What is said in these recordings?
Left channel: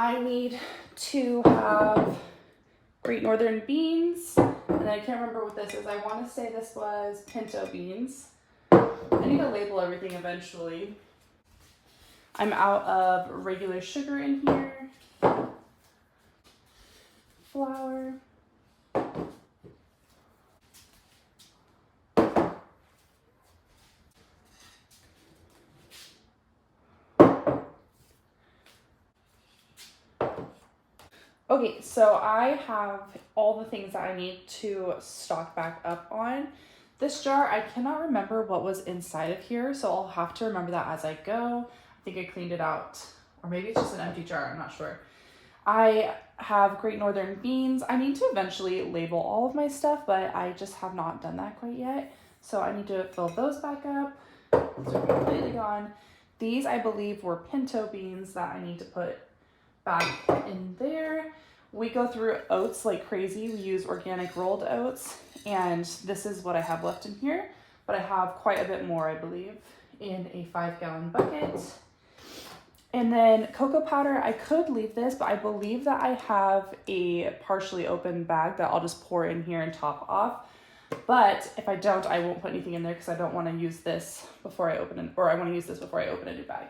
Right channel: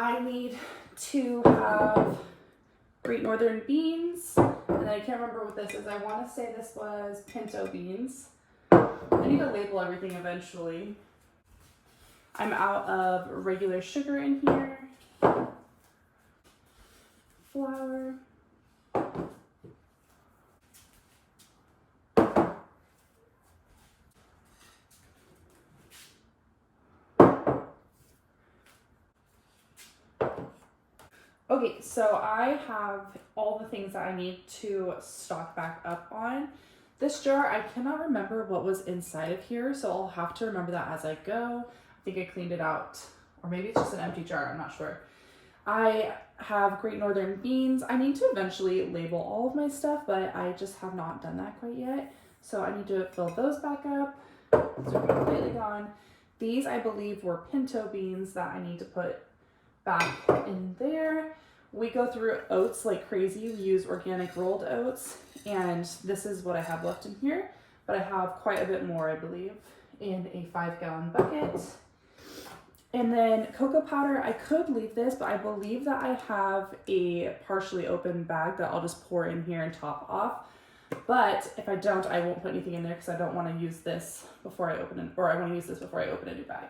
I need to have Great Northern beans, and then I can't remember what this is. I want to say this was pinto beans. I need to label everything eventually. I'm out of regular sugar in here, flour, okay, so I have all the things that I need to stock back up on. This jar, I cannot remember what was inside of here, so I'll have to remember that as I go. I think I cleaned it out, or maybe it's just an empty jar, I'm not sure. I have Great Northern beans. I need to eventually label all of my stuff, but I just have not done that quite yet. So I need to fill those back up. Those are completely gone. These, I believe, were pinto beans that I need to put back in there. We go through oats like crazy. We use organic rolled oats, and this is what I have left in here, but I have quite a bit more, I believe, in a 5-gallon bucket. And then cocoa powder, I could leave this, but I believe that I have a partially open bag that I'll just pour in here and top off. But if I don't, I won't put anything in there because I don't want to use this before I open it, or I want to use this before I open a new bag.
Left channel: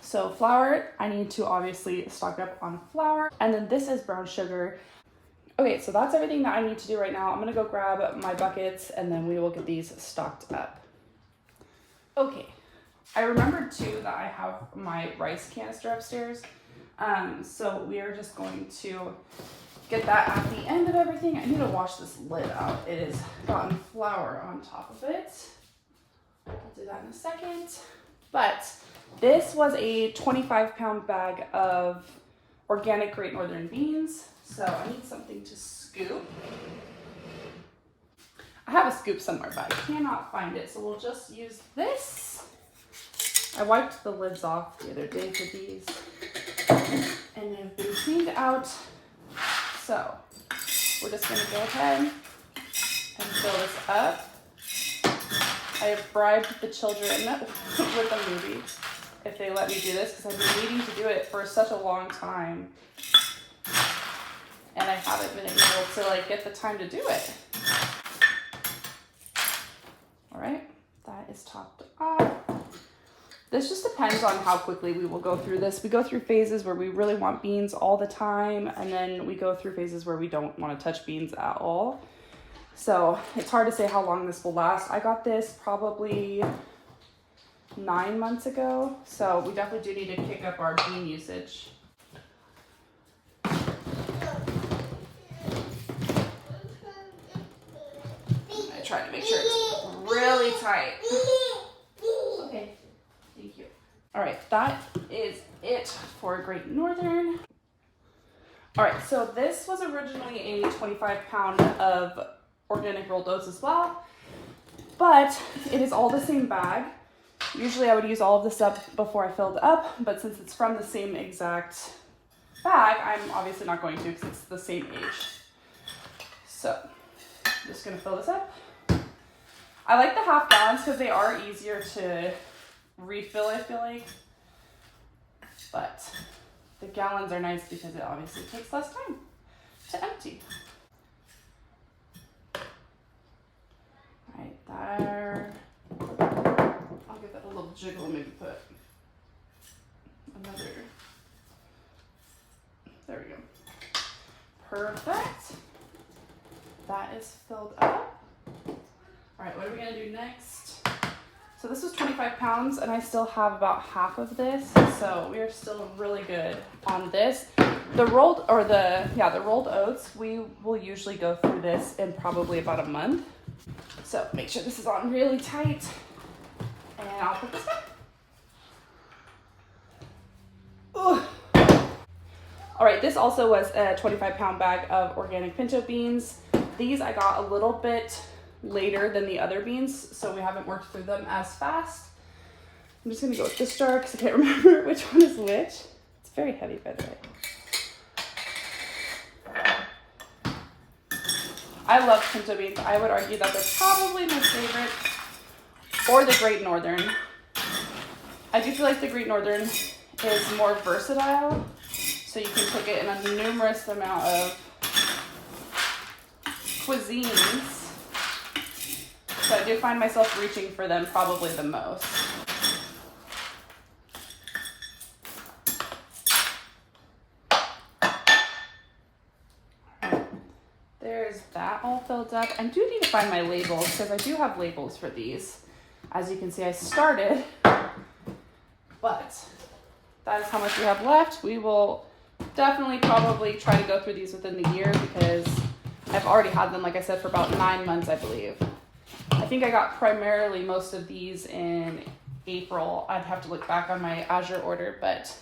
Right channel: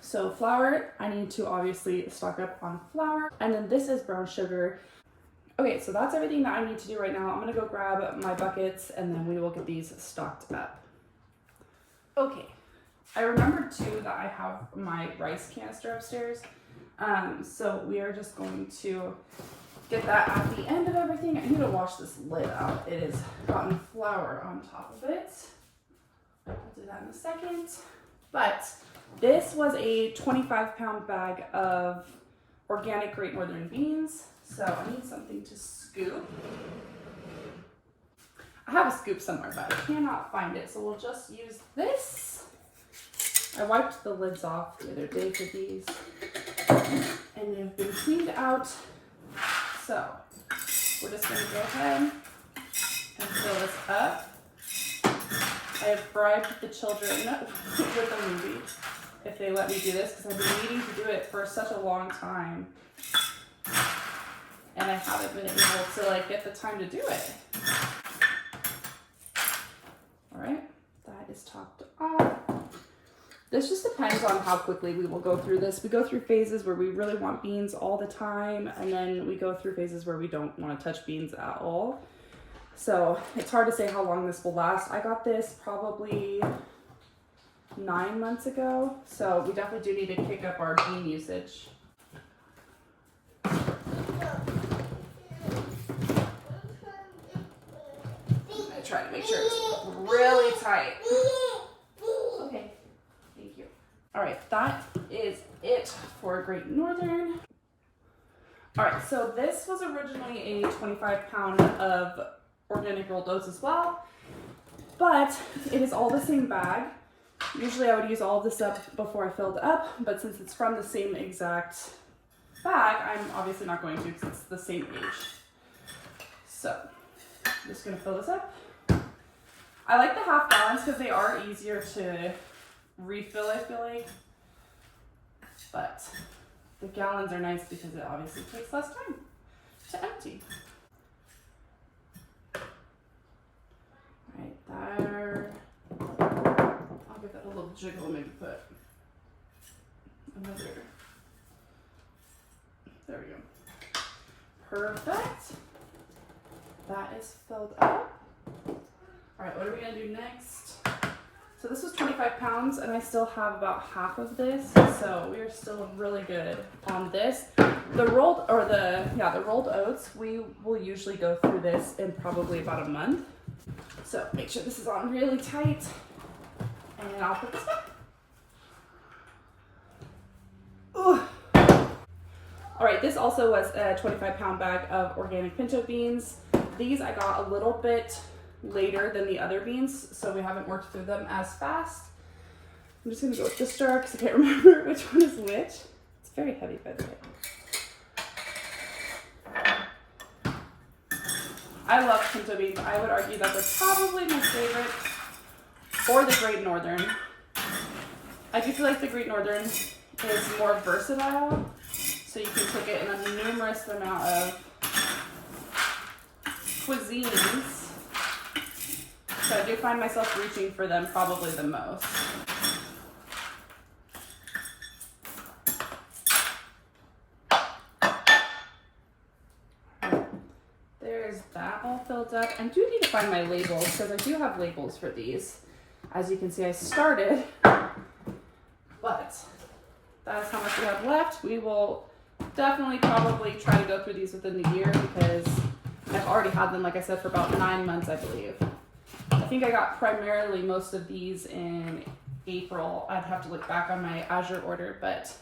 So flour, I need to obviously stock up on flour. And then this is brown sugar. Okay, so that's everything that I need to do right now. I'm gonna go grab my buckets and then we will get these stocked up. Okay, I remembered too that I have my rice canister upstairs. So we are just going to get that at the end of everything. I need to wash this lid out. It has gotten flour on top of it. I'll do that in a second. But this was a 25-pound bag of organic Great Northern beans. So I need something to scoop. I have a scoop somewhere, but I cannot find it. So we'll just use this. I wiped the lids off the other day for these, and they've been cleaned out. So we're just gonna go ahead and fill this up. I have bribed the children with a movie if they let me do this, because I've been needing to do it for such a long time, and I haven't been able to get the time to do it. All right, that is topped off. This just depends on how quickly we will go through this. We go through phases where we really want beans all the time, and then we go through phases where we don't want to touch beans at all. So it's hard to say how long this will last. I got this probably 9 months ago, so we definitely do need to kick up our bean usage. I try to make sure it's really tight. Okay. Thank you. All right, that is it for Great Northern. All right, so this was originally a 25-pound of organic rolled oats as well, but it is all the same bag. Usually I would use all of this up before I filled up, but since it's from the same exact bag, I'm obviously not going to because it's the same age. So I'm just gonna fill this up. I like the half gallons because they are easier to refill, I feel like, but the gallons are nice because it obviously takes less time to empty. All right, there. I'll give that a little jiggle, maybe put another. There we go. Perfect. That is filled up. All right, what are we gonna do next? So this was 25 pounds and I still have about half of this. So we are still really good on this. The rolled oats, we will usually go through this in probably about a month. So make sure this is on really tight, and I'll put this back. Ooh. All right, this also was a 25-pound bag of organic pinto beans. These I got a little bit later than the other beans, so we haven't worked through them as fast. I'm just gonna go with this jar because I can't remember which one is which. It's very heavy, by the way. I love pinto beans. I would argue that they're probably my favorite, or the Great Northern. I do feel like the Great Northern is more versatile. So you can cook it in a numerous amount of cuisines. So I do find myself reaching for them probably the most. There's that all filled up. I do need to find my labels because I do have labels for these. As you can see, I started, but that is how much we have left. We will definitely probably try to go through these within the year because I've already had them, like I said, for about 9 months, I believe. I think I got primarily most of these in April. I'd have to look back on my Azure order, but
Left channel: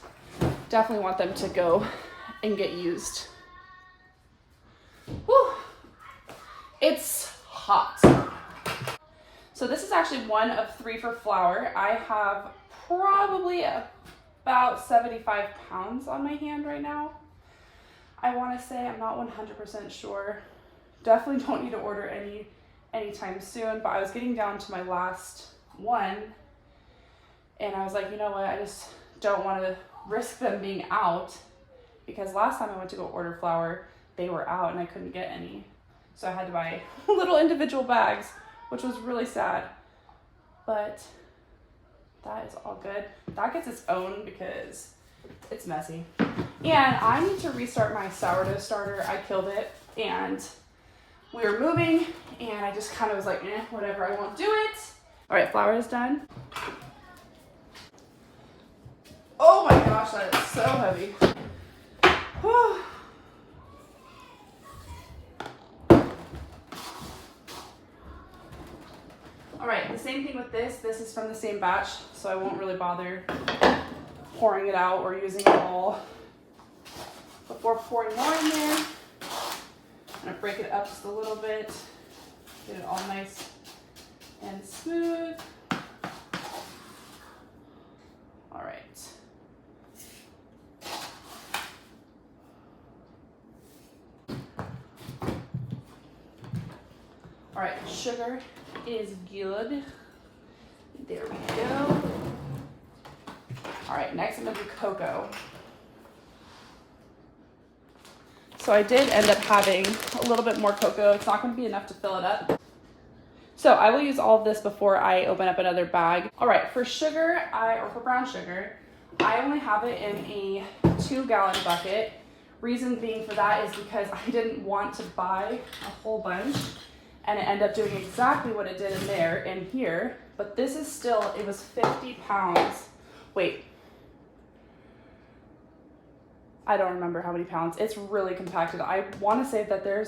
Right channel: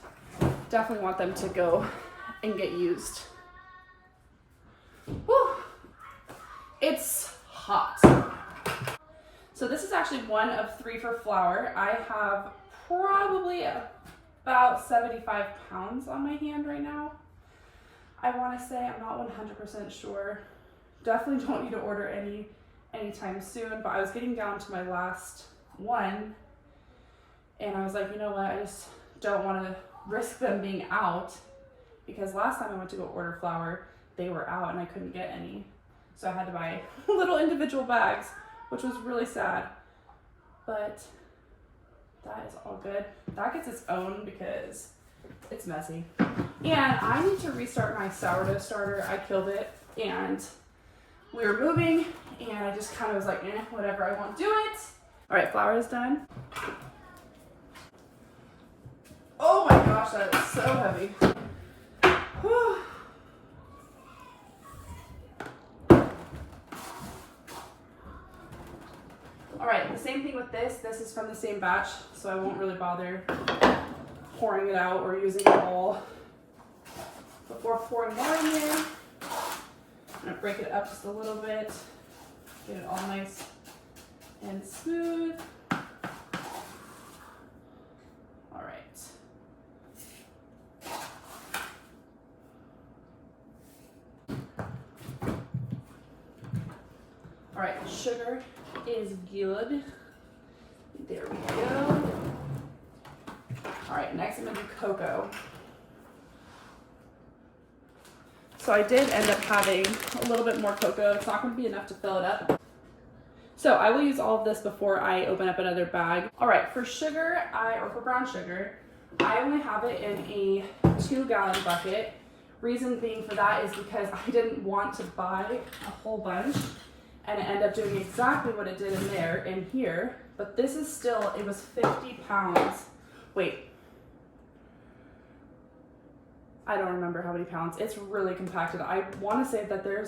definitely want them to go and get used. Whew. It's hot. So this is actually one of 3 for flour. I have probably about 75 pounds on my hand right now. I want to say, I'm not 100% sure. Definitely don't need to order anytime soon, but I was getting down to my last one and I was like, you know what, I just don't want to risk them being out because last time I went to go order flour, they were out and I couldn't get any. So I had to buy little individual bags, which was really sad, but that is all good. That gets its own because it's messy. And I need to restart my sourdough starter. I killed it and we were moving and I just kind of was like, whatever, I won't do it. All right, flour is done. Oh my gosh, that is so heavy. Whew. All right, the same thing with this. This is from the same batch, so I won't really bother pouring it out or using it all before pouring more in there. I'm gonna break it up just a little bit, get it all nice and smooth. All right. All right, sugar is good. There we go. All right, next I'm gonna do cocoa. So I did end up having a little bit more cocoa. It's not gonna be enough to fill it up. So I will use all of this before I open up another bag. All right, for sugar, or for brown sugar, I only have it in a 2-gallon bucket. Reason being for that is because I didn't want to buy a whole bunch and it ended up doing exactly what it did in there, in here. But this is still, it was 50 pounds. Wait. I don't remember how many pounds. It's really compacted. I want to say that there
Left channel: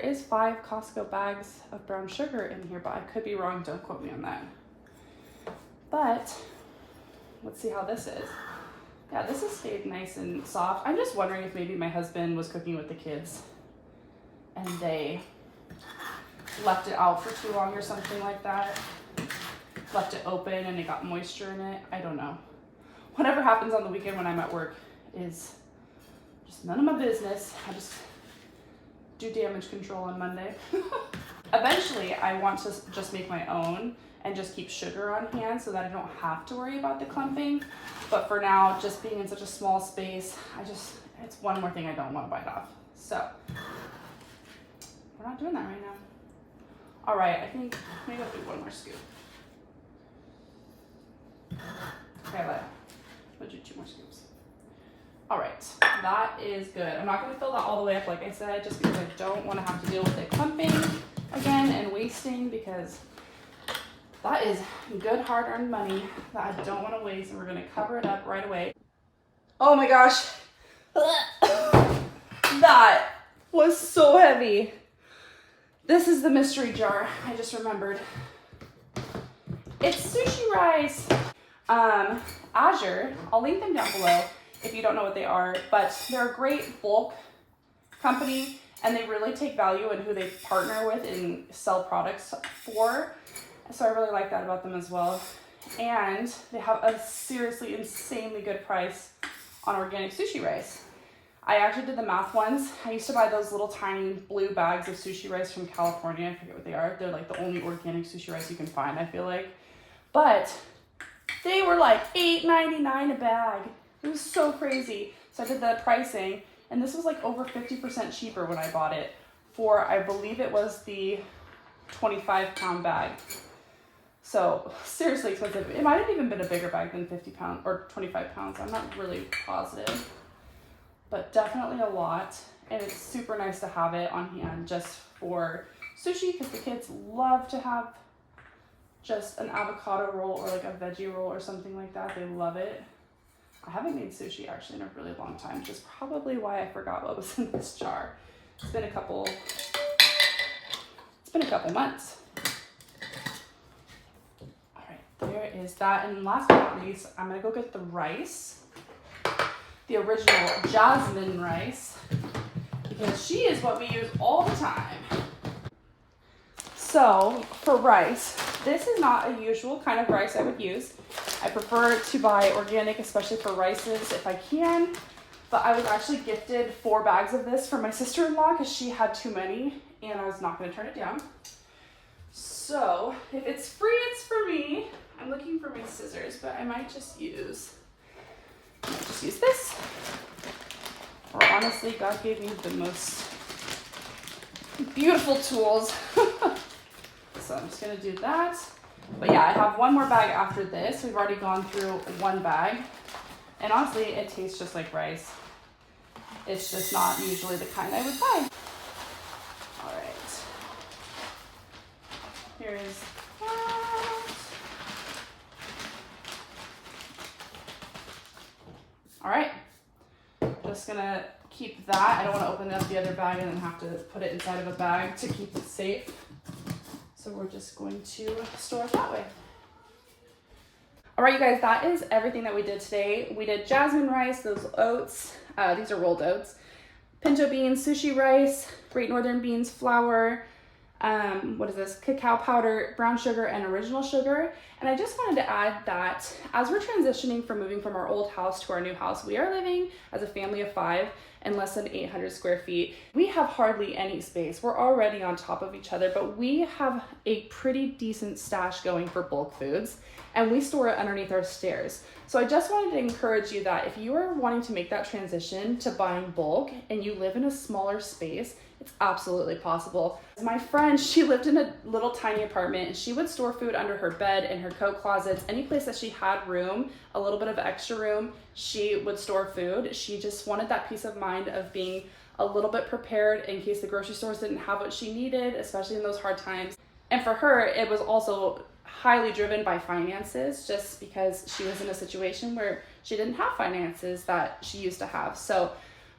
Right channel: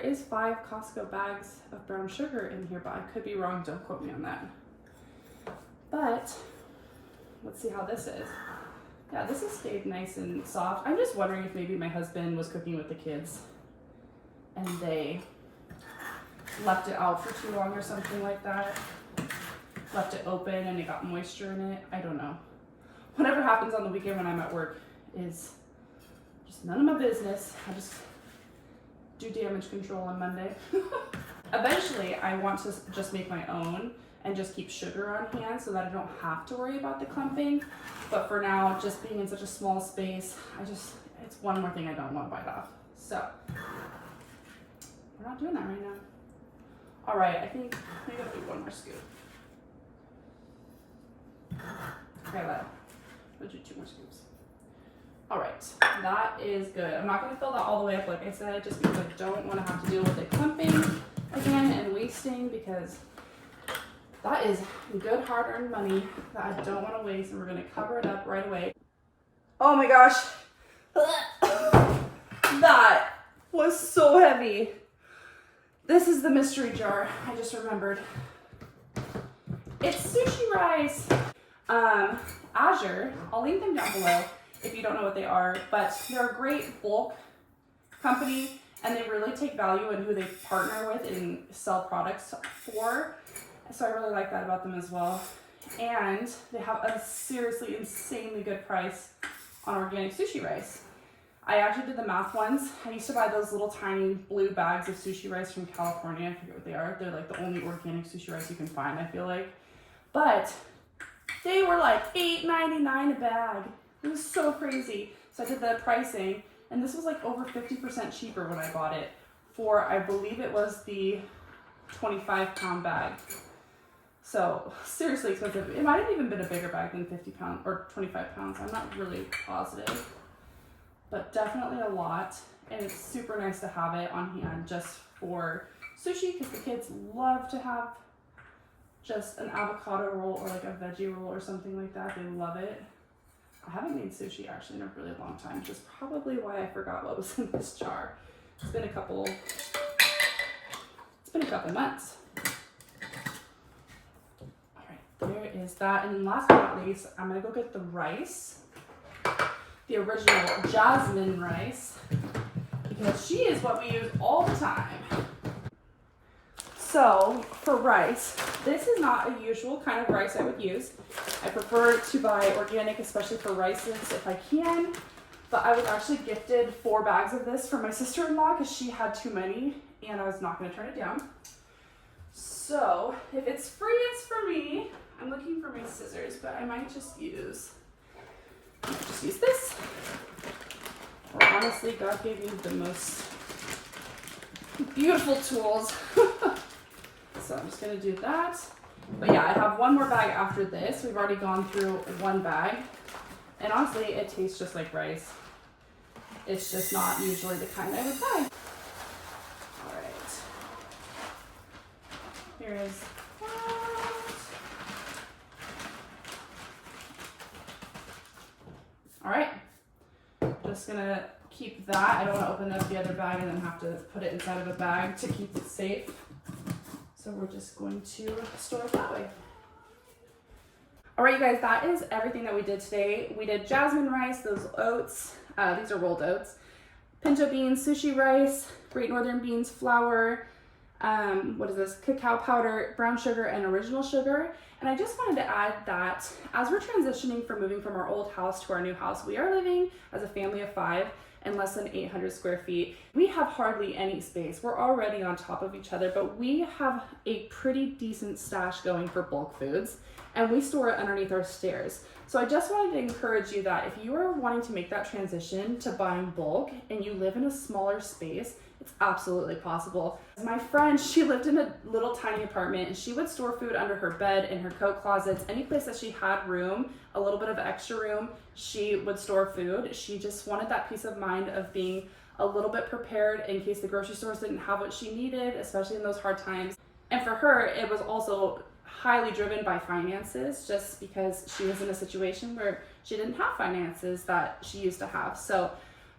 is 5 Costco bags of brown sugar in here, but I could be wrong. Don't quote me on that. But let's see how this is. Yeah, this has stayed nice and soft. I'm just wondering if maybe my husband was cooking with the kids and they left it out for too long or something like that. Left it open and it got moisture in it. I don't know. Whatever happens on the weekend when I'm at work is just none of my business. I just do damage control on Monday. Eventually, I want to just make my own and just keep sugar on hand so that I don't have to worry about the clumping. But for now, just being in such a small space, it's one more thing I don't want to bite off. So we're not doing that right now. All right, I think maybe I'll do one more scoop. Okay, I'll do 2 more scoops. All right, that is good. I'm not gonna fill that all the way up, like I said, just because I don't wanna have to deal with it clumping again and wasting, because that is good hard-earned money that I don't wanna waste, and we're gonna cover it up right away. Oh my gosh. That was so heavy. This is the mystery jar, I just remembered. It's sushi rice. Azure, I'll link them down below if you don't know what they are, but they're a great bulk company and they really take value in who they partner with and sell products for. So I really like that about them as well. And they have a seriously insanely good price on organic sushi rice. I actually did the math once. I used to buy those little tiny blue bags of sushi rice from California. I forget what they are. They're like the only organic sushi rice you can find, I feel like. But They were like $8.99 a bag. It was so crazy. So I did the pricing, and this was like over 50% cheaper when I bought it for, I believe it was the 25-pound bag. So seriously expensive. It might have even been a bigger bag than 50 pounds or 25 pounds. I'm not really positive, but definitely a lot. And it's super nice to have it on hand just for sushi, because the kids love to have just an avocado roll or like a veggie roll or something like that. They love it. I haven't made sushi actually in a really long time, which is probably why I forgot what was in this jar. It's been a couple months. All right, there is that. And last but not least, I'm gonna go get the rice, the original jasmine rice, because she is what we use all the time. So for rice, this is not a usual kind of rice I would use. I prefer to buy organic, especially for rices if I can. But I was actually gifted 4 bags of this from my sister-in-law because she had too many and I was not going to turn it down. So if it's free, it's for me. I'm looking for my scissors, but I might just use this. Or honestly, God gave me the most beautiful tools. So I'm just gonna do that. But yeah, I have one more bag after this. We've already gone through one bag. And honestly, it tastes just like rice. It's just not usually the kind I would buy. All right. Here is that. All right. Just gonna keep that. I don't want to open up the other bag and then have to put it inside of a bag to keep it safe. So we're just going to store it that way. All right, you guys, that is everything that we did today. We did jasmine rice, those oats, these are rolled oats, pinto beans, sushi rice, Great Northern beans, flour, what is this, cacao powder, brown sugar, and original sugar. And I just wanted to add that as we're transitioning from moving from our old house to our new house, we are living as a family of 5 in less than 800 square feet. We have hardly any space. We're already on top of each other, but we have a pretty decent stash going for bulk foods, and we store it underneath our stairs. So I just wanted to encourage you that if you are wanting to make that transition to buying bulk and you live in a smaller space, it's absolutely possible. My friend, she lived in a little tiny apartment and she would store food under her bed, in her coat closets, any place that she had room, a little bit of extra room, she would store food. She just wanted that peace of mind of being a little bit prepared in case the grocery stores didn't have what she needed, especially in those hard times. And for her, it was also highly driven by finances, just because she was in a situation where she didn't have finances that she used to have. So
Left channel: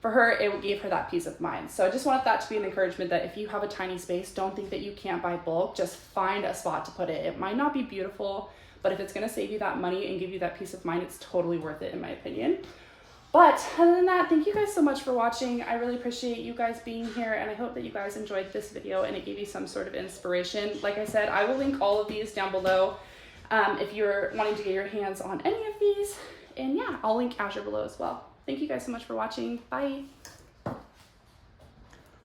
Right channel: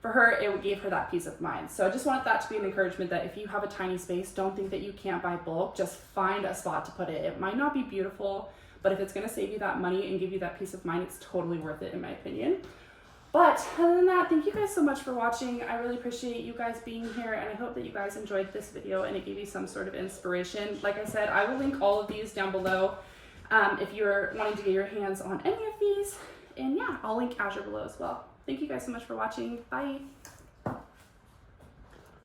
for her, it gave her that peace of mind. So I just wanted that to be an encouragement that if you have a tiny space, don't think that you can't buy bulk. Just find a spot to put it. It might not be beautiful, but if it's going to save you that money and give you that peace of mind, it's totally worth it in my opinion. But other than that, thank you guys so much for watching. I really appreciate you guys being here, and I hope that you guys enjoyed this video and it gave you some sort of inspiration. Like I said, I will link all of these down below if you're wanting to get your hands on any of these. And yeah, I'll link Azure below as well. Thank you guys so much for watching. Bye.